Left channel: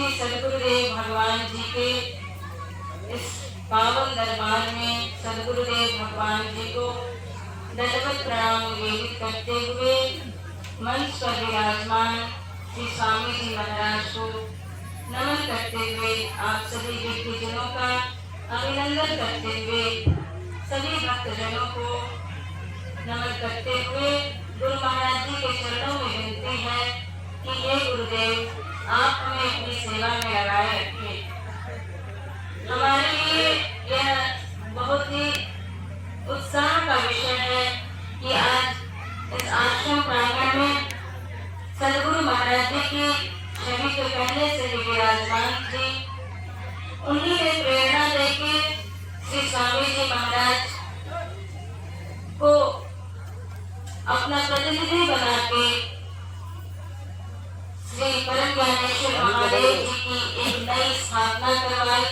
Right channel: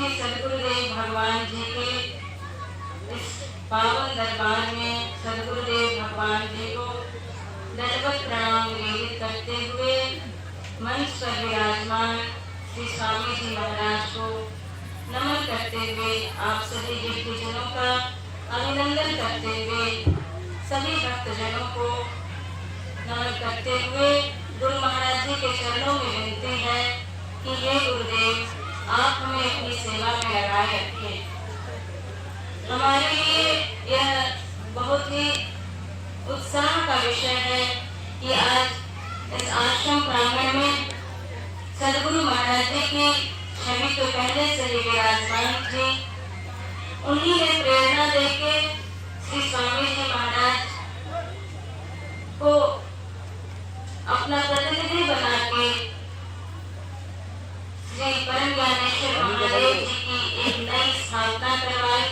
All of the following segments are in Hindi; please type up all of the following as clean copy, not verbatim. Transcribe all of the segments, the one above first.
श्री सद्गुरुदेव भगवान जी के इस पावन दरबार में सद्गुरुदेव भगवान जी को दंडवत प्रणाम निवेदित करते हुए मंच पर विराजमान श्री स्वामी जी महाराज को नमन करते हुए आप सभी भक्तजनों का अभिनंदन करते हुए सभी भक्तजनों को नमन करते हुए गुरु महाराज जी के चरणों में विनती है कि ये गुरुदेव आप हमें अपनी सेवा में लगाए रखें। हमारे लिए यह बहुत ही उत्साह का विषय है कि आज इस आश्रम प्रांगण में सद्गुरु महाराज जी की छवि तो पहले से ही विराजमान थी। उन्हीं ने प्रेरणा देके श्री स्वामी जी महाराज को अपना प्रतिनिधि बना के श्री परम ज्ञानेश्वर महादेव जी की एक नई स्थापना करवाई।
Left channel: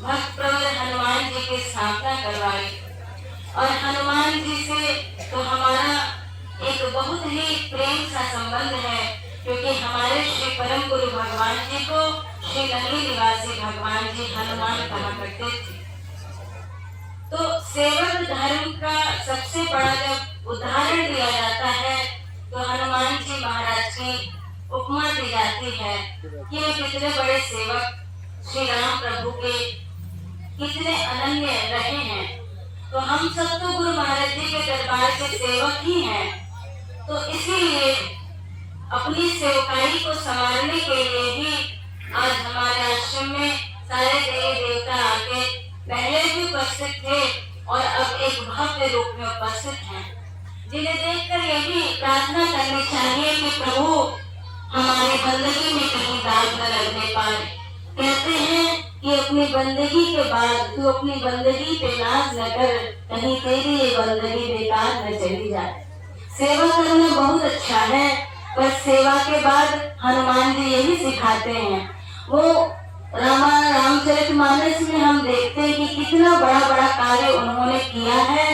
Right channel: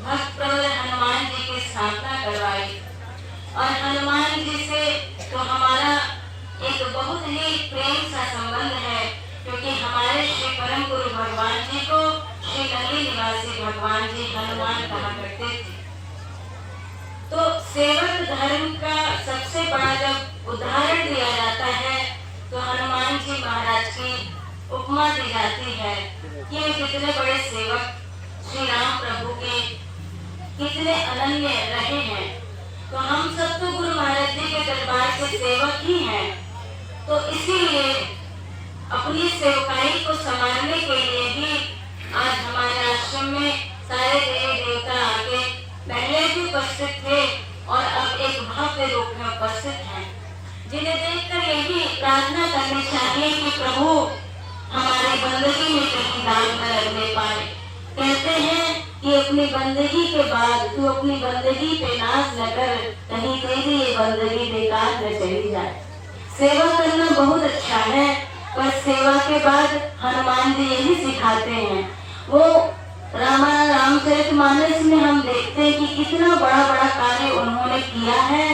भक्त प्रवर हनुमान जी की स्थापना करवाई और हनुमान जी से तो हमारा एक बहुत ही प्रेम सा संबंध है, क्योंकि हमारे श्री परम गुरु भगवान जी को श्री नगरी निवासी भगवान जी हनुमान कहा करते थे। तो सेवक धर्म का सबसे बड़ा जब उदाहरण दिया जाता है तो हनुमान जी महाराज की उपमा दी जाती है कि वे कितने बड़े सेवक श्री राम प्रभु के कितने अनन्य रहे हैं। तो हम सब तो गुरु महाराज जी के दरबार के सेवक ही हैं। तो इसीलिए अपनी सेवकाई को संभालने के लिए भी आज हमारे आश्रम में सारे देवी देवता आके पहले भी उपस्थित थे और अब एक भव्य रूप में उपस्थित हैं, जिन्हें देखकर यही प्रार्थना करनी चाहिए कि प्रभु हमारे बंदगी में कहीं दाग न लगने पाए। कहते हैं कि अपनी बंदगी के बाद तू अपनी बंदगी पे नाज न कर, कहीं तेरी ये बंदगी बेकार न चली जाए। सेवा करना बहुत अच्छा है, पर सेवा के बाद हनुमान जी यही सिखाते हैं। वो रामचरितमानस में हम देखते हैं कि कितना बड़ा बड़ा कार्य उन्होंने किया है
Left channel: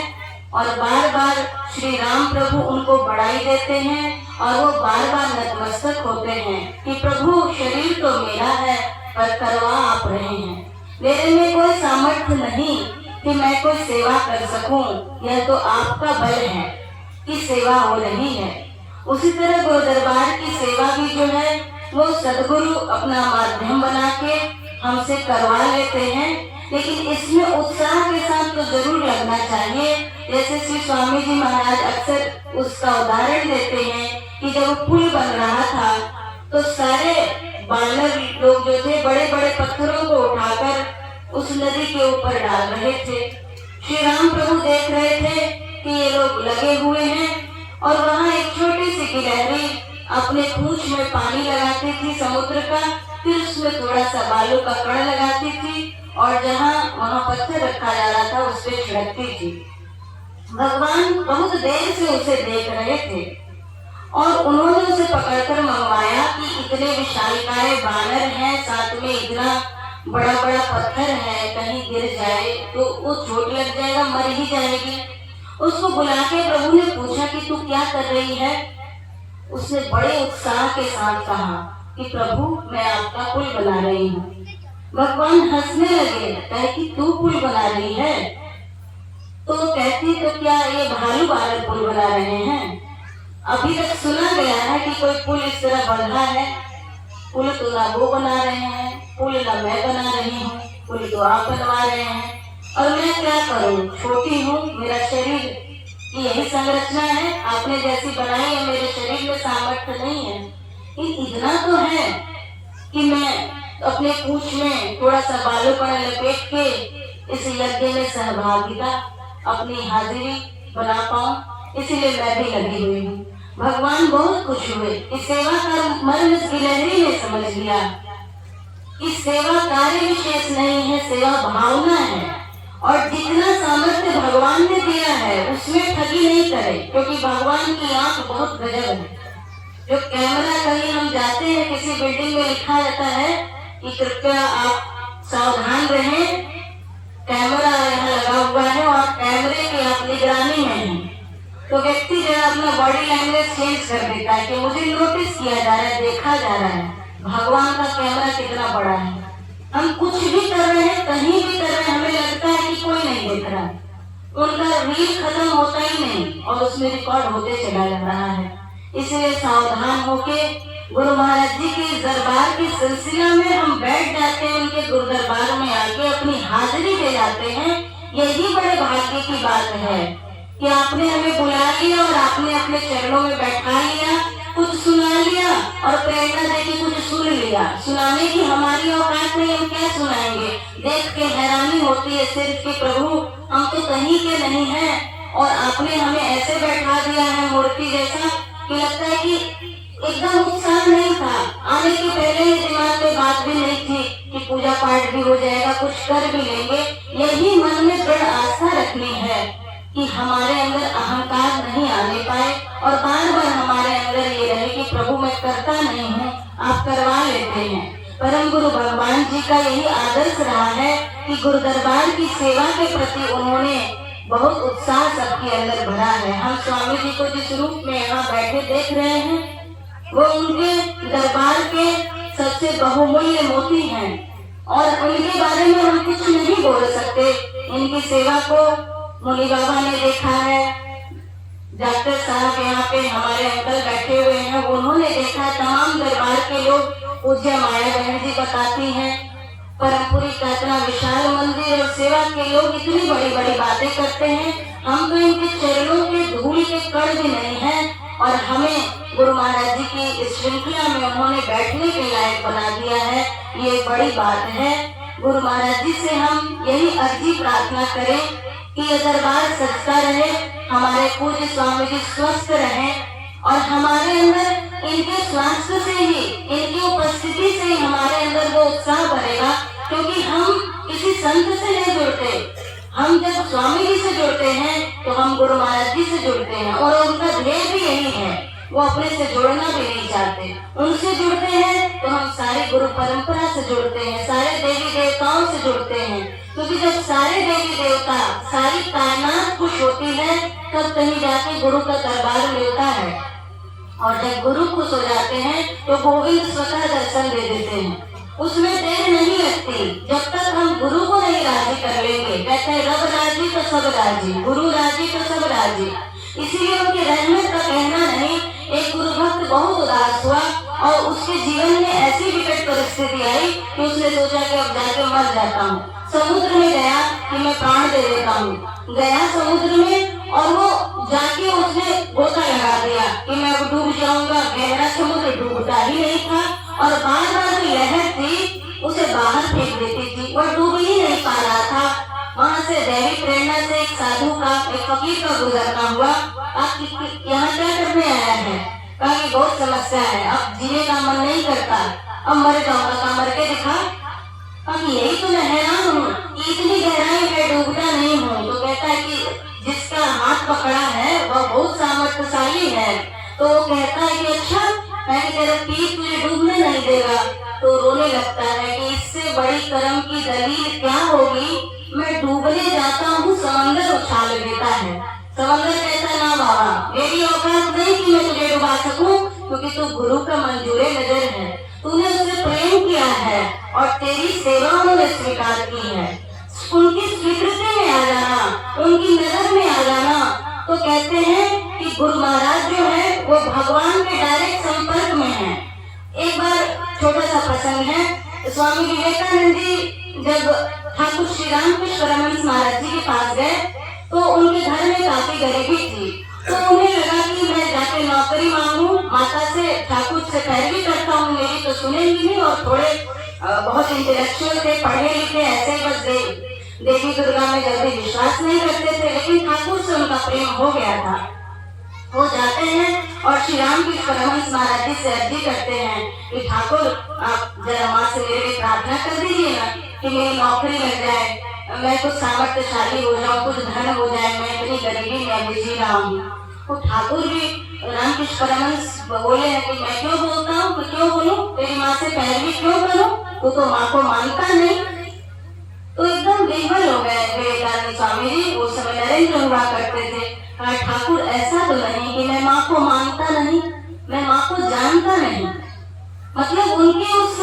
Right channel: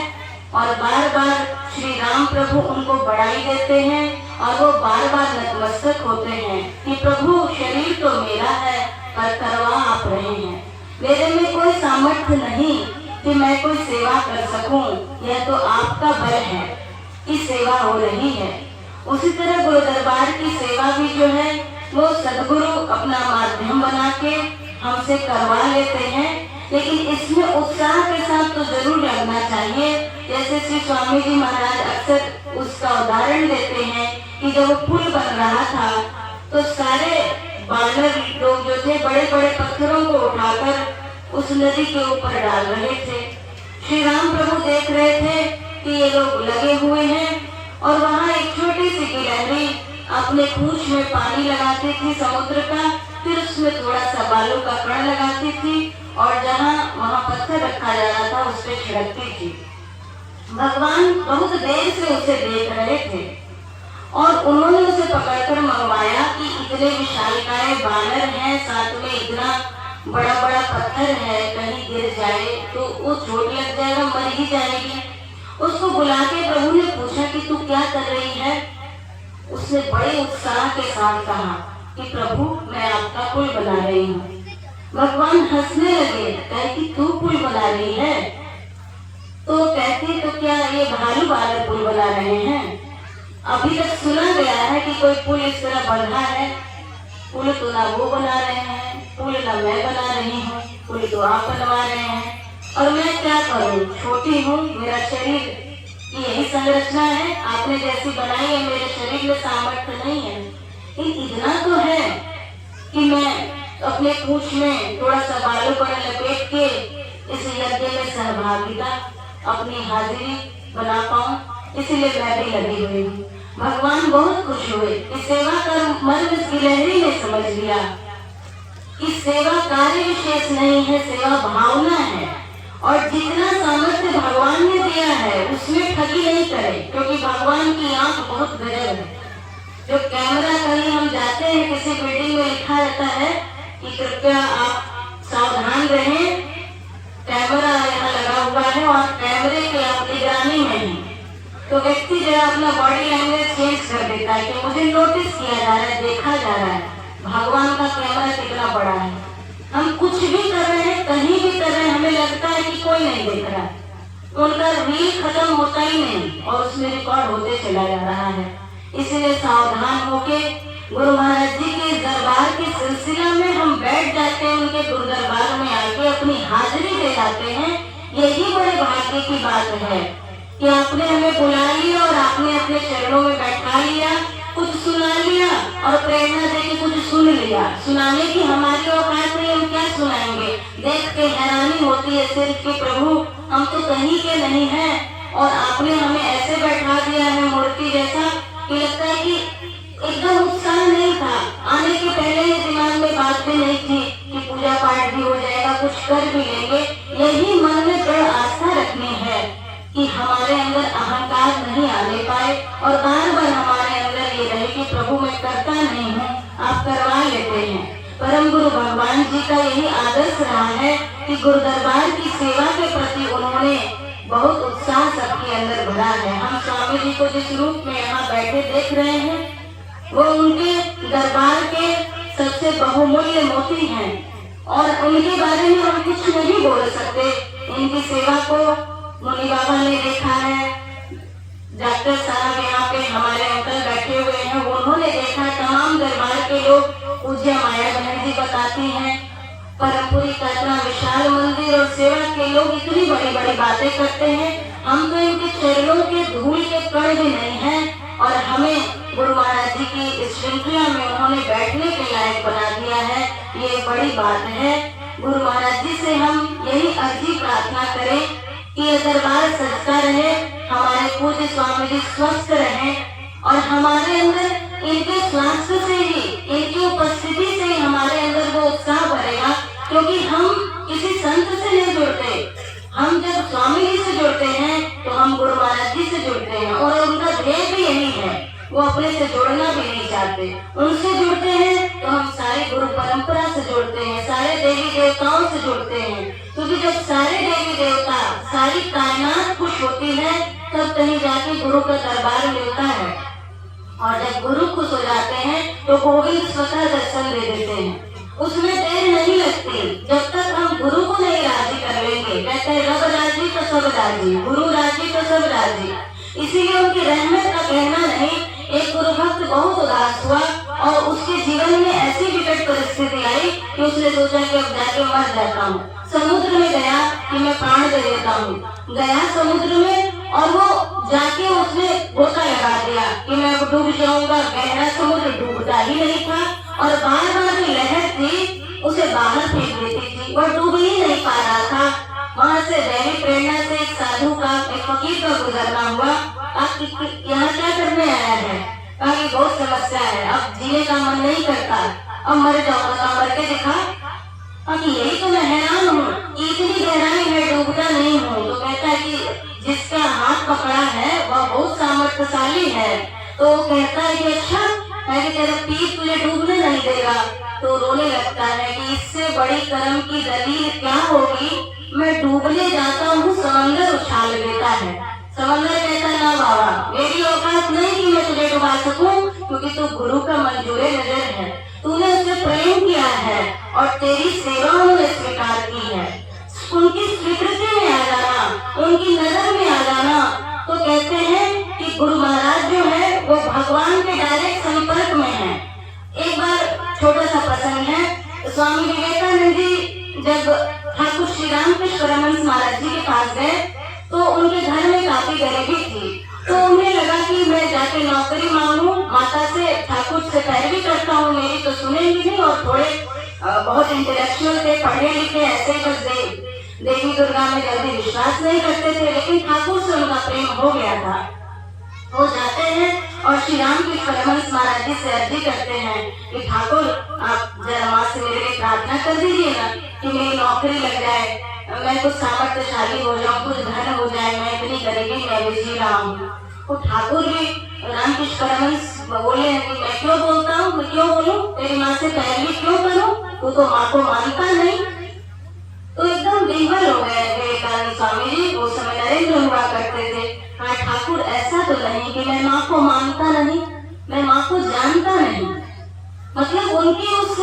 और बार बार श्री राम प्रभु उनको बढ़ाई देते हैं और वो बार बार नतमस्तक होते हैं कि प्रभु शरीर तो मेरा है पर करवा आप रहे हैं। मेरे में कोई सामर्थ्य नहीं कि मैं कोई सेवा कर सकूं, यह तो आपका बल है कि सेवा हो रही है। उसी तरह गुरु दरबार की सेवा भी जो है वो सदगुरु अपना माध्यम बना के हमसे करवा लेते हैं, लेकिन इसमें उत्साह के साथ तो जरूर लगना चाहिए। जैसे श्री स्वामी जी महाराज अक्सर उसका उदाहरण देते हैं कि जब पुल बन रहा था तो सारे बानर लोग जो थे बड़े बड़े पत्थरों को उठाकर उस नदी के ऊपर डाल रहे थे। श्री राम प्रभु देख रहे थे कि ये लोग लगे हुए हैं और वहाँ एक छोटी सी गिलहरी अपने पूंछ में पानी लगाती थी समुद्र का, फिर उसमें थोड़ा सा बालू का कण लगाती थी और जहाँ वहाँ पत्थर रखा जा रहा था उस पे छिड़कती थी। भगवान बहुत देर से उसे देख रहे थे और उन्होंने उसे पकड़कर मंगवाया कि इतने विशालकाय बानर हैं, साथ में इतना बड़ा बड़ा पत्थर है, कहीं गिर जाए तो वो चोट लग जाएगा, मर ही जाएगी। उसको बुला के प्रभु ने पूछा कि तू क्या कर रही है। उसने बड़े उत्साह के साथ कहा कि प्रभु मैं आपका पुल बना रही हूँ। भगवान हंसने लगे, कहे कि तू पुल बना रही है। तो कहती तो क्या ये भालू वाले पुल बना रहे हैं? अभी तक सुना गया है कि कोई पुल इस तरह बना है। पुल तो ना वो बना रहे हैं, पुल ना मैं बना रही हूँ, पुल तो आप बनवा रहे हैं। और मैं क्या करूँ, छोटी हूँ, मेरा शरीर की यही संरचना है, आपने जैसी बनाई है मेरे शरीर में सामर्थ्य नहीं है। इतना तो है कि मैं अपने पूंछ में थोड़ा सा बालू पर लपेट के इस यज्ञ में सहभागिता अपनी हाजिरी बना पाऊं, इसलिए मैं भी लगी हुई हूँ। भगवान बहुत खुश हुए कि सेवा का मर्म इस गिलहरी ने समझ लिया कि सेवा कार्य विशेष नहीं है, सेवा भावना है। और जितना सामर्थ्य भगवान ने दिया है उसमें ठगी नहीं करे, क्योंकि भगवान की आंख बहुत गजब है। जो कैमरा कहीं हम जाते हैं किसी बिल्डिंग में लिखा जाता है कि कृपया आप सावधान रहें, कैमरा यहाँ लगा हुआ है और कैमरे की आप निगरानी में हैं, तो व्यक्ति जो अपना बॉडी लैंग्वेज चेंज कर देता है कि मुझे नोटिस किया जा रहा है, देखा जा रहा है। भगवान का कैमरा कितना बड़ा है, हम कुछ भी कर रहे हैं, कहीं भी कर रहे हैं, हमें लगता है कि कोई नहीं देख रहा है। उनका रील खत्म होता ही नहीं और उसमें रिकॉर्ड होते चला जा रहा है। इसलिए सावधान होके गुरु महाराज जी के दरबार के सिलसिला में हम बैठ जाते हैं, उनके गुरु दरबार में आके अपनी हाजिरी दे जाते हैं। यही बड़े भाग्य की बात है कि आपने हमें बुला लिया और आपने अपने चरणों में बैठा लिया, कुछ सुना लिया और प्रेरणा देके कुछ सुन लिया। सुनाने की हमारी औकात नहीं, हम क्या सुनाएंगे। देख के हैरानी होती है सिर्फ कि प्रभु हम तो कहीं के नहीं हैं और आपने हमें ऐसे बैठा दिया है मूर्ति जैसा कि लगता है कि एकदम उत्साह नहीं था। आने के पहले दिमाग में बात भी नहीं थी कि पूजा पाठ भी हो जाएगा, कुछ कर भी लेंगे। यही मन में दृढ़ आस्था रखनी है कि हमारे अंदर अहंकार नहीं आने पाए और बार बार हमारे अंदर ये रहे कि प्रभु मैं करता नहीं हूँ, आप करवा लेते हैं। परम गुरु भगवान जी का यही आदर्श रहा है कि गुरु दरबार की सेवा के प्रति उन्होंने बहुत उत्साह सबके अंदर भरा है। हम स्वामी जी को जिस रूप में यहाँ बैठे देख रहे हैं, वो उनके दरबार के सबसे बहुमूल्य मोती हैं और उनके बारे में हम कुछ नहीं बोल सकते। इनकी सेवा को मुनि बाबा ने देखा है, डॉक्टर साहब यहाँ पे हमारे अंकल बैठे हुए हैं, उन्होंने देखा, तमाम दरबार के लोग, पूज्य माया बहन जी बताती हैं, परमपुरी का इतना विशाल मंदिर और सेवा के लोग इतनी बड़ी बड़ी बातें करते हैं। हम तो इनके चरणों के धूल के कण भी नहीं हैं और हमें गुरु महाराज जी की इस श्रृंखला में उन्होंने बैठने के लायक बना दिया है, ये बड़ी बात है। गुरु महाराज जी से हम यही अर्जी प्रार्थना करें कि ये दरबार सजता रहे, हमारे पूज्य स्वामी जी स्वस्थ रहे और हमारे अंदर इनके स्वास्थ्य से ही, इनकी उपस्थिति से ही हमारे अंदर वो उत्साह बढ़ेगा। क्योंकि हम किसी संत से नहीं जुड़ते, हम जब स्वामी जी से जुड़ते हैं तो हम गुरु महाराज जी से जुड़ते हैं और उनका ध्येय भी यही है, वो अपने से जुड़ना भी नहीं चाहते। उनसे जुड़ते हैं तो हम सारी गुरु परंपरा से जुड़ते हैं, सारे देवी देवताओं से जुड़ते हैं। क्योंकि जब सारे देवी देवता, सारी कायनात खुश होती है तब कहीं जाके गुरु का दरबार मिलता है और जब गुरु खुश हो जाते हैं तो गोविंद स्वतः दर्शन दे देते हैं। उसमें देर नहीं लगती, जब तक हम गुरु को नहीं राजी कर लेंगे। कहते हैं रब राजी तो सब राजी, गुरु राजी तो सब राजी। इसीलिए उनकी रहमत का कहना नहीं। एक गुरु भक्त बहुत उदास हुआ और उसके जीवन में ऐसी विकट परिस्थिति आई कि उसने सोचा कि अब जाके मर जाता हूँ। समुद्र में गया कि मैं प्राण दे देता हूँ, गया समुद्र में और वो जाके उसने गोता लगा दिया कि मैं अब डूब जाऊंगा। गहरा समुद्र डूबता ही नहीं था और बार बार जो लहर थी उसे बाहर फेंक देती थी, वह डूब ही नहीं पा रहा था। वहाँ से दैवी प्रेरणा से एक साधु का, एक फकीर का गुजरना हुआ। आप यहाँ क्या करने आया है? कहीं बहुत समस्या है, अब जीने का मन नहीं करता, अब मर जाऊंगा, मर के दिखा। अब यही तो मैं हैरान हूँ, इतनी गहराई है, डूबना नहीं हूँ। तो कहता है कि जिसका हाथ पकड़ा है वह बहुत सामर्थ्यशाली है। तो वो कहता है कि अच्छा, मैं तेरा पीठ तुझे डूबने नहीं देगा। तो रोने लगता है कि इससे बड़ी कर्म की दलील क्या होगी, मैं डूबने जाता हूँ, समंदर उछाल देता है। समंदर कहता है ना बाबा, मेरी औकात नहीं कि मैं तुझे डुबा सकूं, क्योंकि तू गुरु का मंजूरे नजर है, तूने उससे प्रेम किया है और तेरी सेवा उन्होंने स्वीकार की है। उनकी स्वीकृति में आ जाना, उनकी नजर में आ जाना। तो कहते हैं कि गुरु महाराज जो है वो भगवान के डायरेक्ट संपर्क में है। एक बार छोटा सा प्रसंग है, स्वामी विवेकानंद जी जब ठाकुर श्री रामकृष्ण परमहंस महाराज जी के पास गए तो उनके घर में काफी गरीबी थी। तो उन्हें लगा कि मैं जाके नौकरी मांगू, माता से, ठाकुर से पैरवी करता हूँ, मेरी तो सुनेंगी नहीं। और थोड़े बहुत इंटेलेक्चुअल थे, पढ़े लिखे, ऐसे बस देवी दुर्गा में जल्दी विश्वास नहीं करते थे, लेकिन ठाकुर से उनका प्रेम हो गया था। वो जाते हैं और श्री रामकृष्ण परमहंस महाराज जी से अर्जी करते हैं कि ठाकुर आप जरा माँ से मेरे लिए प्रार्थना कर दीजिए ना कि मेरी नौकरी लग जाए, मैं कुछ सामर्थ्यशाली हो जाऊँ, कुछ धन हो जाए, मैं इतनी गरीबी में भी जी रहा हूँ। तो ठाकुर भी रामकृष्ण परमहंस बोले हैं कि मैं क्यों बोलता हूँ, मैं क्यों बोलूँ, तेरी माँ से पैरवी क्यों करूँ, तू तो माँ को मानता नहीं। तो एकदम बेघर हो गए विवेकानंद स्वामी जी। उस समय नरेंद्र हुआ करते थे। कहा ठाकुर ऐसा तो नहीं कि मैं माँ को मानता नहीं, मैं माँ को जानता नहीं। मतलब उनके उस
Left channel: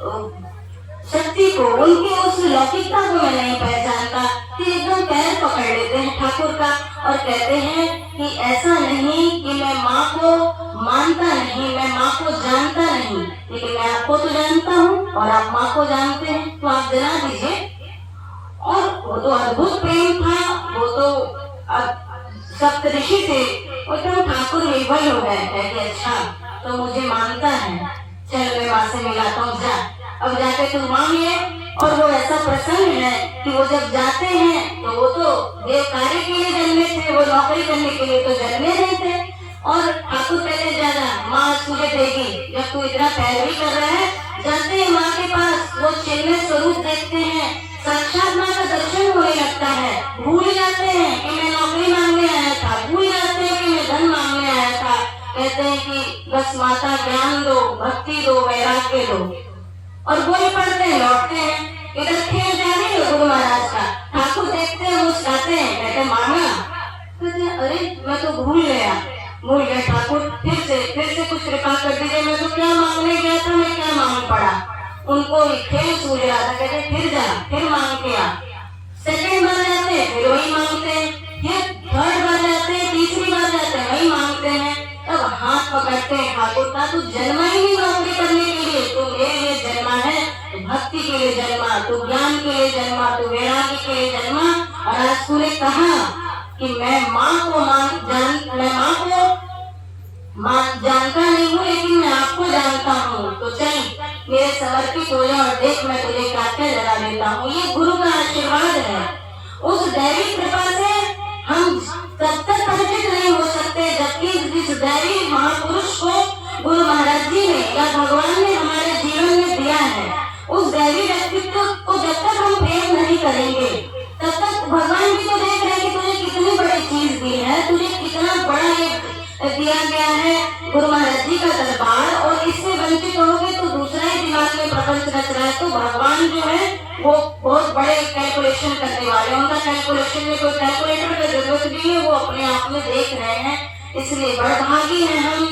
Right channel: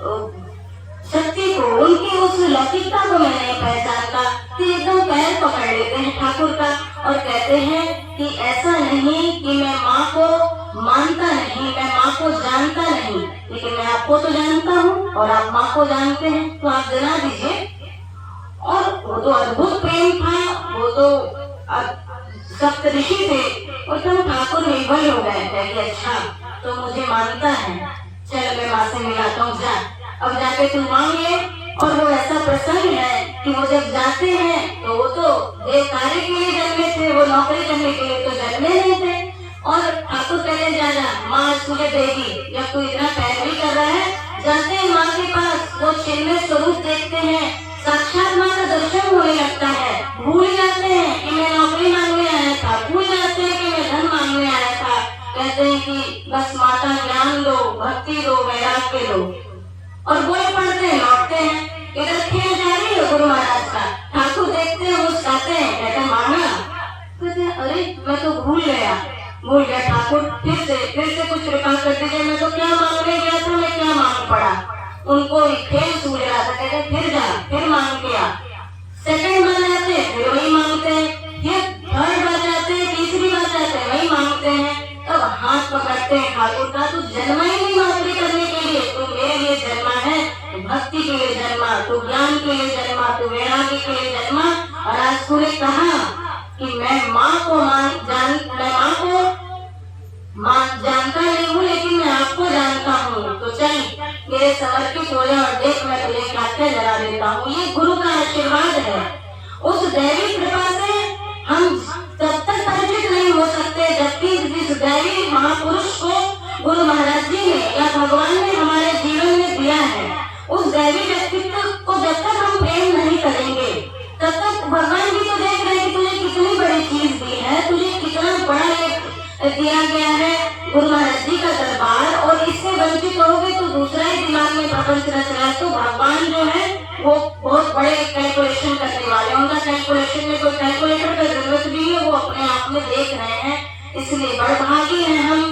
शक्ति को, उनकी उस लौकिकता को मैं नहीं पहचानता, तो एकदम पैर पकड़ लेते हैं ठाकुर का और कहते हैं कि ऐसा नहीं कि मैं माँ को मानता नहीं, मैं माँ को जानता नहीं, लेकिन मैं आपको तो जानता हूँ और आप माँ को जानते हैं, तो आप जना दीजिए। और वो तो अद्भुत प्रेम था, वो तो सप्त ऋषि थे, एकदम ठाकुर निर्भय हो गए थे कि अच्छा तो मुझे मानता है, चल मैं माँ से मिलाता हूँ, जा अब जाके तुम मांगिए। और वो ऐसा प्रसन्न है कि वो जब जाते हैं तो वो तो देव कार्य के लिए जन्मे थे, वो नौकरी करने के लिए तो जन्मे नहीं थे। और ठाकुर पहले जाना माँ तुझे देगी, जब तू इतना पैरवी कर रहा है, जाते हैं माँ के पास, वो चिन्मय स्वरूप देखते हैं, साक्षात माँ का दर्शन होने लगता है, भूल जाते हैं कि मैं नौकरी मांगने आया था, भूल जाते हैं कि मैं धन मांगने आया था, कहते हैं कि बस माता ज्ञान दो, भक्ति दो, वैराग्य दो, और वो पढ़ते हैं, लौटते हैं। इधर खेल जारी है गुरु महाराज का, ठाकुर देखते हैं, मुस्कुराते हैं, कहते माना, कहते अरे मैं तो भूल गया ठाकुर, फिर से कुछ कृपा कर दीजिए, मैं तो क्या मांगने गया था, मैं क्या मांग पड़ा। उनको भी खेल सूझ रहा था, कहते फिर जा, फिर मांग के आ। सेकंड बार जाते हैं फिर वही मांगते हैं, ये थर्ड बार जाते हैं, तीसरी बार जाते हैं वही मांगते हैं। तब हाथ पकड़ते हैं ठाकुर का, तू जन्मा ही नहीं नौकरी करने के लिए, तू मेरे लिए जन्मा है, तू भक्ति के लिए जन्मा, तू ज्ञान के लिए जन्मा, तू वैराग्य के लिए जन्मा। और आज तूने कहा कि मैं माँ को जानता नहीं हूँ, लेकिन मैं आपको जानता हूँ, तो चल मेरे समर्पित हो जा और देख मैं तुझे क्या क्या जगा देता हूँ। ये गुरु का आशीर्वाद है। उस दैवी कृपा से हम तब तक परिचित नहीं हो सकते जबकि इस दैवी महापुरुष को गुरु महाराज जी ने या भगवान ने हमारे जीवन में दिया है। उस दैवी व्यक्तित्व को जब तक हम प्रेम नहीं करेंगे तब तक भगवान जी को देख रहे हैं कि तुझे कितनी बड़ी चीज दी है, तुझे कितना बड़ा दिया गया है गुरु महाराज जी का दरबार, और इससे वंचित होगे तो दूसरा ही दिमाग में प्रपंच रच रहा है। तो भगवान जो है वो बहुत बड़े कैलकुलेशन करने वाले, उनका कैलकुलेशन में कोई कैलकुलेटर का जरूरत नहीं है, वो अपने आप में देख रहे हैं। इसलिए बड़भागी हैं हम,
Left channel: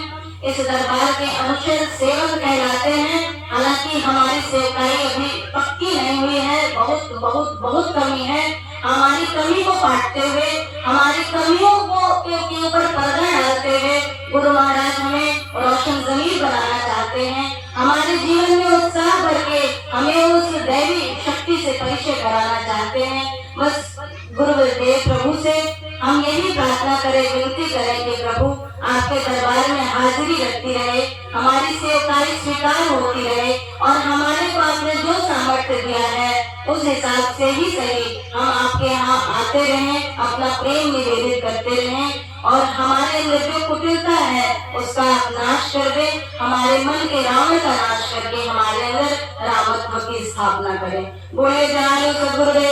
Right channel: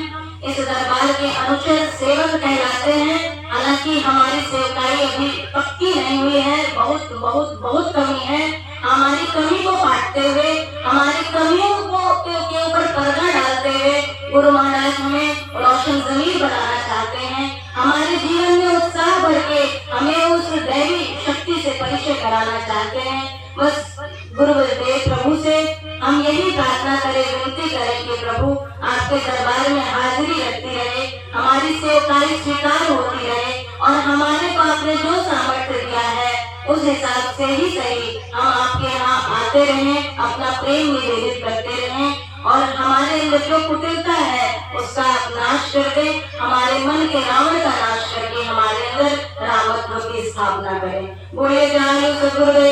इस दरबार के अनुचर सेवक कहलाते हैं। हालांकि हमारी सेवकाई अभी पक्की नहीं हुई है, बहुत बहुत बहुत कमी है। हमारी कमी को पाटते हुए, हमारी कमियों को के ऊपर पर्दा डालते हुए गुरु महाराज हमें रोशन जमीन बनाना चाहते हैं। हमारे जीवन में उत्साह भर के हमें उस दैवी शक्ति से परिचय कराना चाहते हैं। बस गुरुदेव प्रभु से हम यही प्रार्थना करें, विनती करें कि प्रभु आपके दरबार में हाजिरी रखती रहे, हमारी सेवकाई स्वीकार होती रहे, और हमारे को आपने जो सामर्थ्य दिया है उस हिसाब से ही सही हम आपके यहाँ आते रहें, अपना प्रेम निवेदित करते रहें, और हमारे अंदर जो कुटिलता है उसका आप नाश कर दे, हमारे मन के रावण का नाश करके हमारे अंदर रामत्व की स्थापना करें। बोले जाए गुरुदेव